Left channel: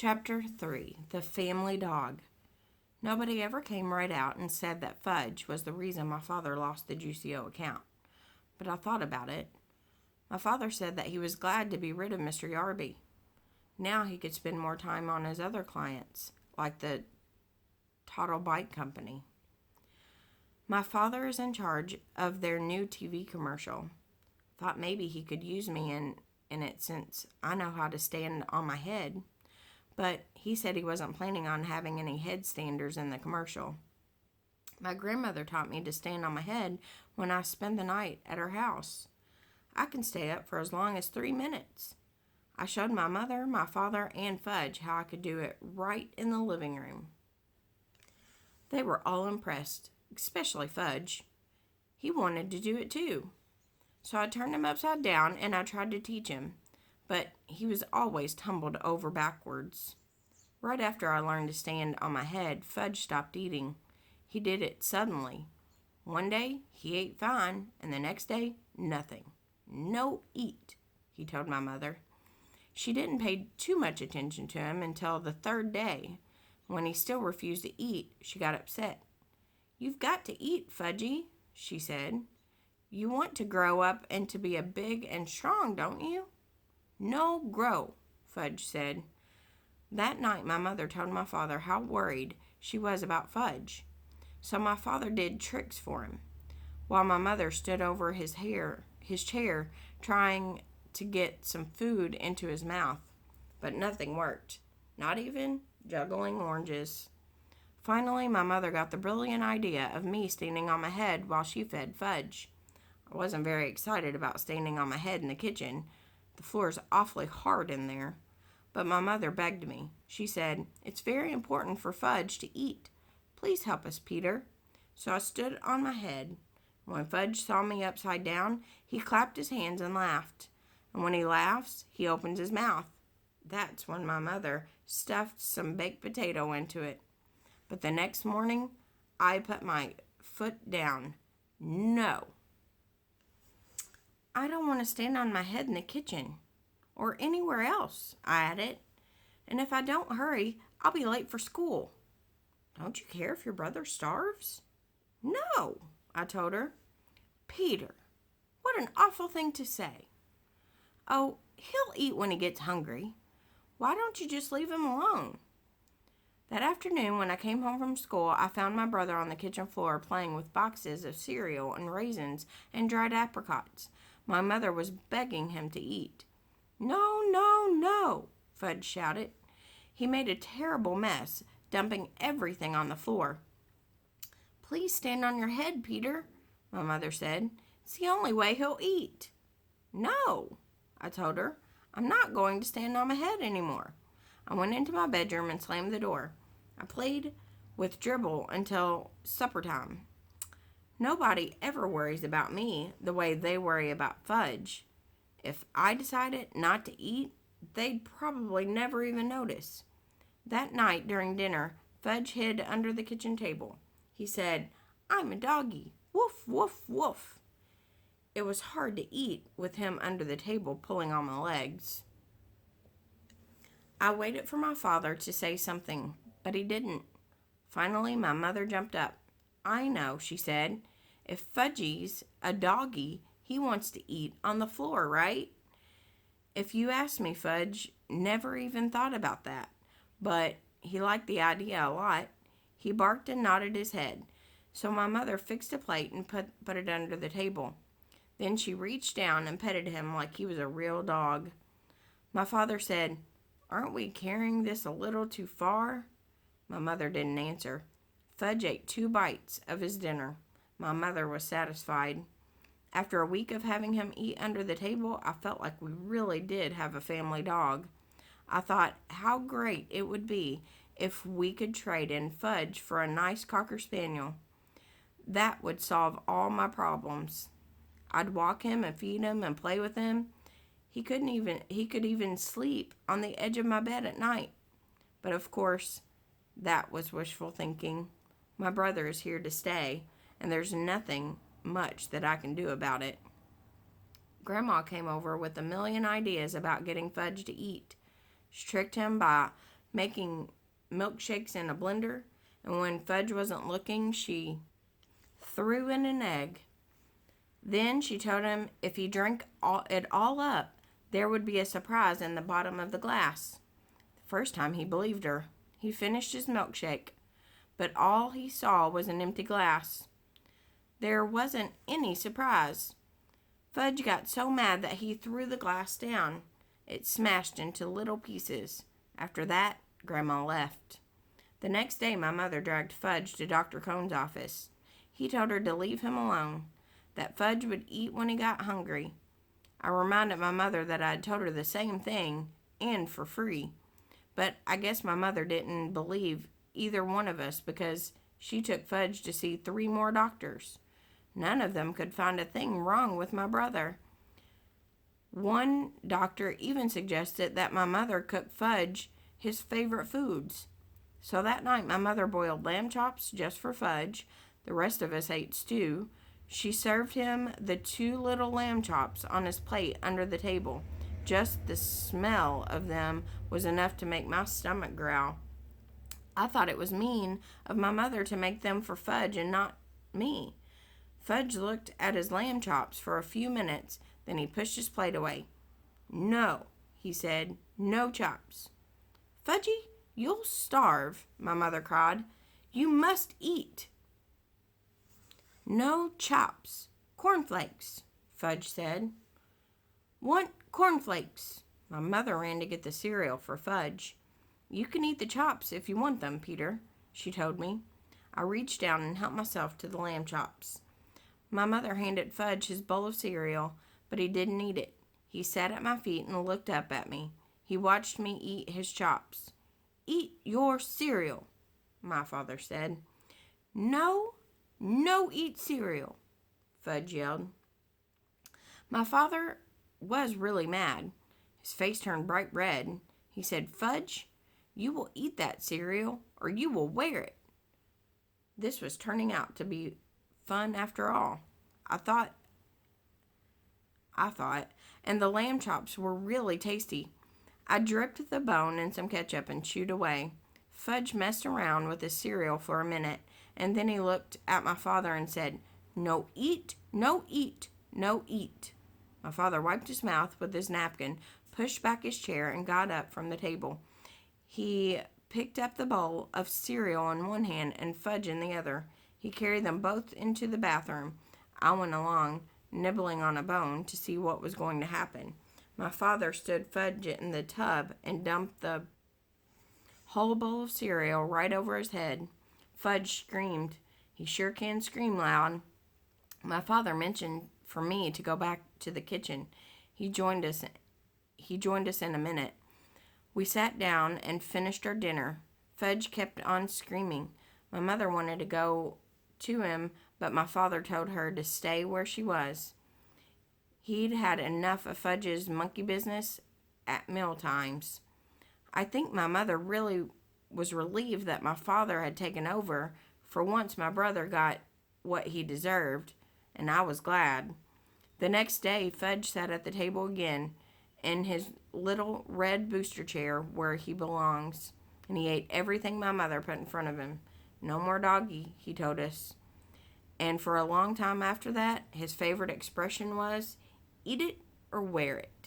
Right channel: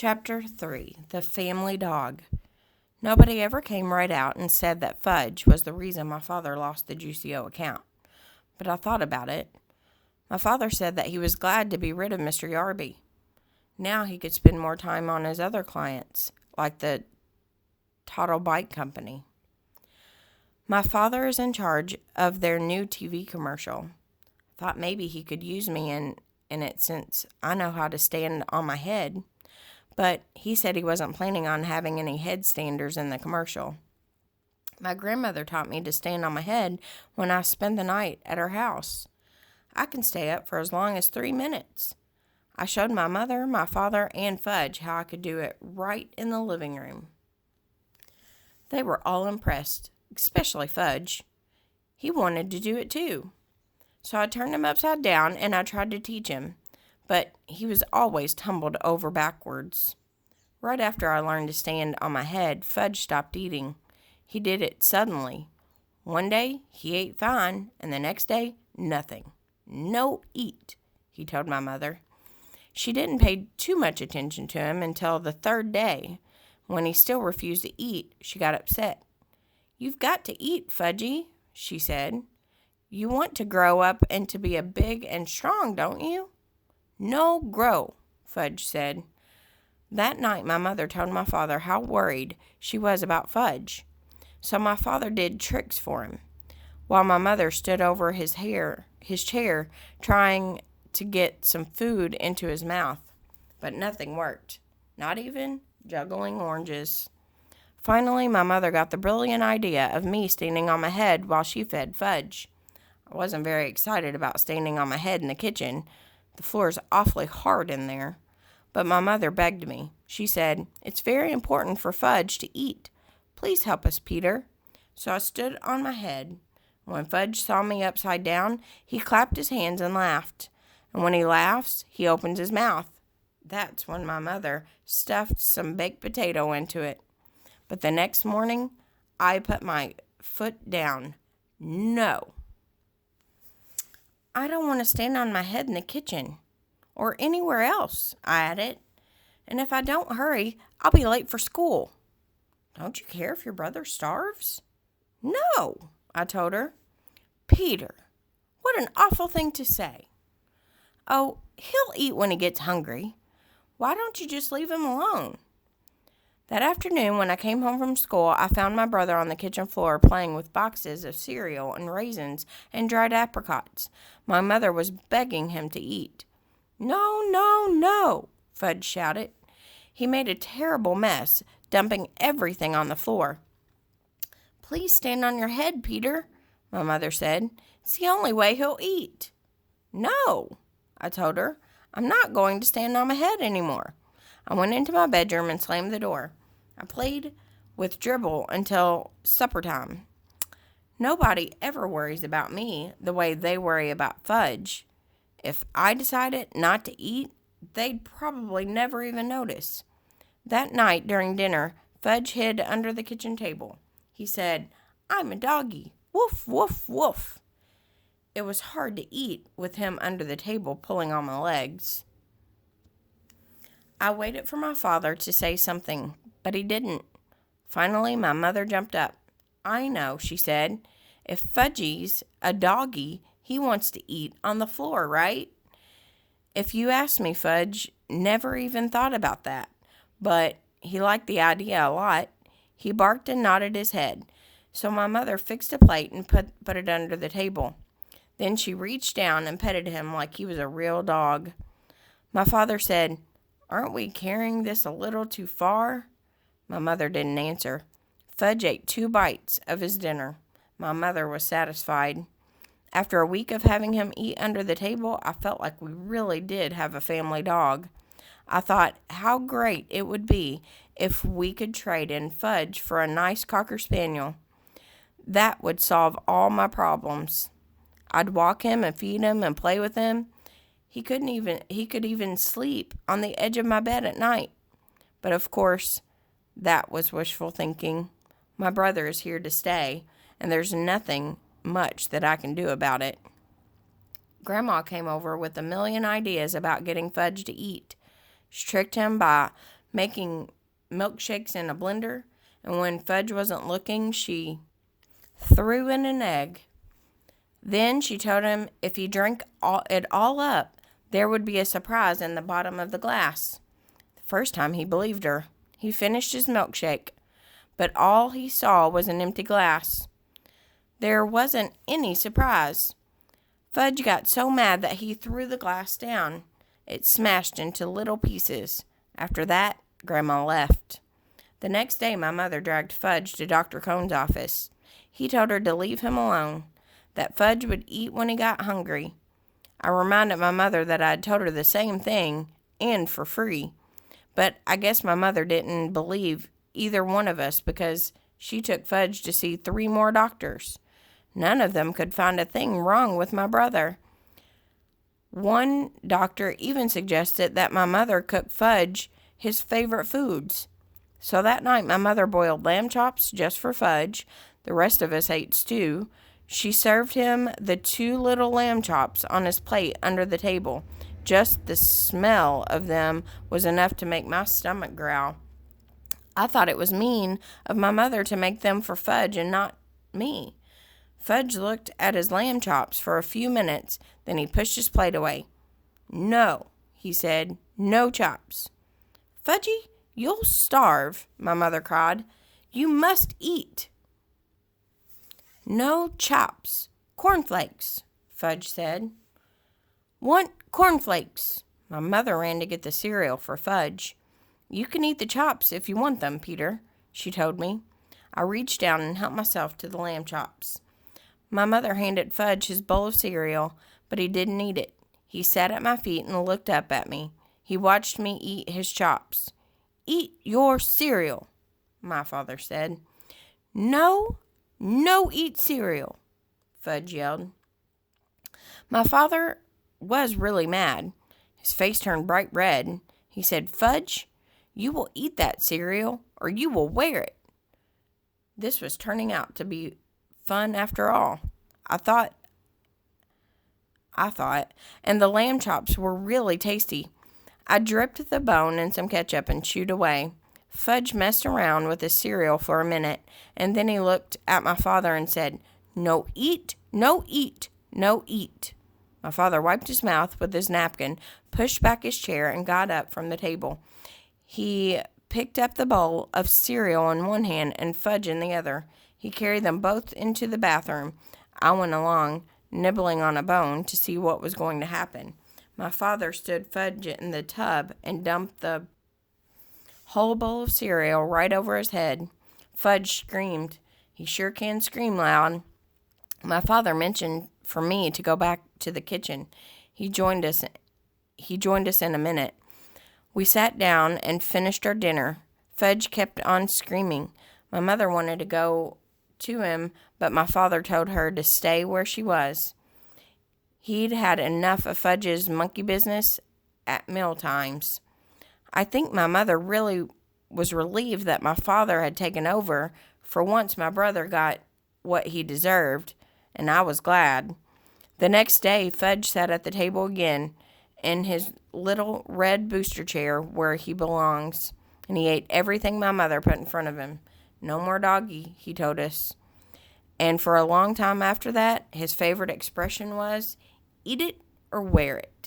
Chapter 3 The Family Dog. Nobody ever came right out and said that Fudge was the reason my father lost the Juicio account. But I thought about it. My father said that he was glad to be rid of Mr. Yarby. Now he could spend more time on his other clients, like the Toddle Bike Company. My father is in charge of their new TV commercial. Thought maybe he could use me in it since I know how to stand on my head. But he said he wasn't planning on having any headstanders in the commercial. My grandmother taught me to stand on my head when I spent the night at her house. I can stay up for as long as 3 minutes. I showed my mother, my father, and Fudge how I could do it right in the living room. They were all impressed, especially Fudge. He wanted to do it too. So I turned him upside down and I tried to teach him, but he was always tumbled over backwards. Right after I learned to stand on my head, Fudge stopped eating. He did it suddenly. One day, he ate fine, and the next day, nothing. No eat, he told my mother. She didn't pay too much attention to him until the third day. When he still refused to eat, she got upset. "You've got to eat, Fudgy," she said. "You want to grow up and to be a big and strong, don't you?" "No grow," Fudge said. That night my mother told my father how worried she was about Fudge. So my father did tricks for him, while my mother stood over his chair, trying to get some food into his mouth. But nothing worked, not even juggling oranges. Finally, my mother got the brilliant idea of me standing on my head while she fed Fudge. I wasn't very excited about standing on my head in the kitchen. The floor's awfully hard in there. But my mother begged me. She said, "It's very important for Fudge to eat. Please help us, Peter." So I stood on my head. When Fudge saw me upside down, he clapped his hands and laughed. And when he laughs, he opens his mouth. That's when my mother stuffed some baked potato into it. But the next morning, I put my foot down. No. "I don't want to stand on my head in the kitchen. Or anywhere else," I added. "And if I don't hurry, I'll be late for school." "Don't you care if your brother starves?" "No," I told her. "Peter, what an awful thing to say." "Oh, he'll eat when he gets hungry. Why don't you just leave him alone?" That afternoon, when I came home from school, I found my brother on the kitchen floor playing with boxes of cereal and raisins and dried apricots. My mother was begging him to eat. "No, no, no," Fudge shouted. He made a terrible mess, dumping everything on the floor. "Please stand on your head, Peter," my mother said. "It's the only way he'll eat." "No," I told her. "I'm not going to stand on my head anymore." I went into my bedroom and slammed the door. I played with Dribble until supper time. Nobody ever worries about me the way they worry about Fudge. If I decided not to eat, they'd probably never even notice. That night during dinner, Fudge hid under the kitchen table. He said, "I'm a doggy. Woof, woof, woof." It was hard to eat with him under the table pulling on my legs. I waited for my father to say something, but he didn't. Finally, my mother jumped up. "I know," she said. "If Fudgy's a doggy, he wants to eat on the floor, right?" If you ask me, Fudge never even thought about that, but he liked the idea a lot. He barked and nodded his head. So my mother fixed a plate and put it under the table. Then she reached down and petted him like he was a real dog. My father said, "Aren't we carrying this a little too far?" My mother didn't answer. Fudge ate 2 bites of his dinner. My mother was satisfied. After a week of having him eat under the table, I felt like we really did have a family dog. I thought how great it would be if we could trade in Fudge for a nice Cocker Spaniel. That would solve all my problems. I'd walk him and feed him and play with him. He could even sleep on the edge of my bed at night. But of course, that was wishful thinking. My brother is here to stay, and there's nothing much that I can do about it. Grandma came over with a million ideas about getting Fudge to eat. She tricked him by making milkshakes in a blender, and when Fudge wasn't looking, she threw in an egg. Then she told him if he drank it all up, there would be a surprise in the bottom of the glass. The first time he believed her. He finished his milkshake, but all he saw was an empty glass. There wasn't any surprise. Fudge got so mad that he threw the glass down. It smashed into little pieces. After that, Grandma left. The next day, my mother dragged Fudge to Dr. Cohn's office. He told her to leave him alone, that Fudge would eat when he got hungry. I reminded my mother that I had told her the same thing, and for free. But I guess my mother didn't believe either one of us because she took Fudge to see 3 more doctors. None of them could find a thing wrong with my brother. One doctor even suggested that my mother cook Fudge his favorite foods. So that night my mother boiled lamb chops just for Fudge. The rest of us ate stew. She served him the 2 little lamb chops on his plate under the table. Just the smell of them was enough to make my stomach growl. I thought it was mean of my mother to make them for Fudge and not me. Fudge looked at his lamb chops for a few minutes, then he pushed his plate away. "No," he said, "no chops." "Fudgy, you'll starve," my mother cried. "You must eat." "No chops. Cornflakes," Fudge said. "Want cornflakes." My mother ran to get the cereal for Fudge. "You can eat the chops if you want them, Peter," she told me. I reached down and helped myself to the lamb chops. My mother handed Fudge his bowl of cereal, but he didn't eat it. He sat at my feet and looked up at me. He watched me eat his chops. "Eat your cereal," my father said. "No, no eat cereal," Fudge yelled. My father was really mad. His face turned bright red. He said, "Fudge, you will eat that cereal or you will wear it." This was turning out to be fun after all. I thought, and the lamb chops were really tasty. I dripped the bone in some ketchup and chewed away. Fudge messed around with his cereal for a minute, and then he looked at my father and said, "No eat, no eat, no eat." My father wiped his mouth with his napkin, pushed back his chair, and got up from the table. He picked up the bowl of cereal in one hand and Fudge in the other. He carried them both into the bathroom. I went along, nibbling on a bone, to see what was going to happen. My father stood Fudge in the tub and dumped the whole bowl of cereal right over his head. Fudge screamed. He sure can scream loud. My father mentioned for me to go back to the kitchen. He joined us in a minute. We sat down and finished our dinner. Fudge kept on screaming. My mother wanted to go to him, but my father told her to stay where she was. He'd had enough of Fudge's monkey business at meal times. I think my mother really was relieved that my father had taken over. For once, my brother got what he deserved, and I was glad. The next day, Fudge sat at the table again in his little red booster chair where he belongs, and he ate everything my mother put in front of him. No more doggy, he told us. And for a long time after that, his favorite expression was, "Eat it or wear it."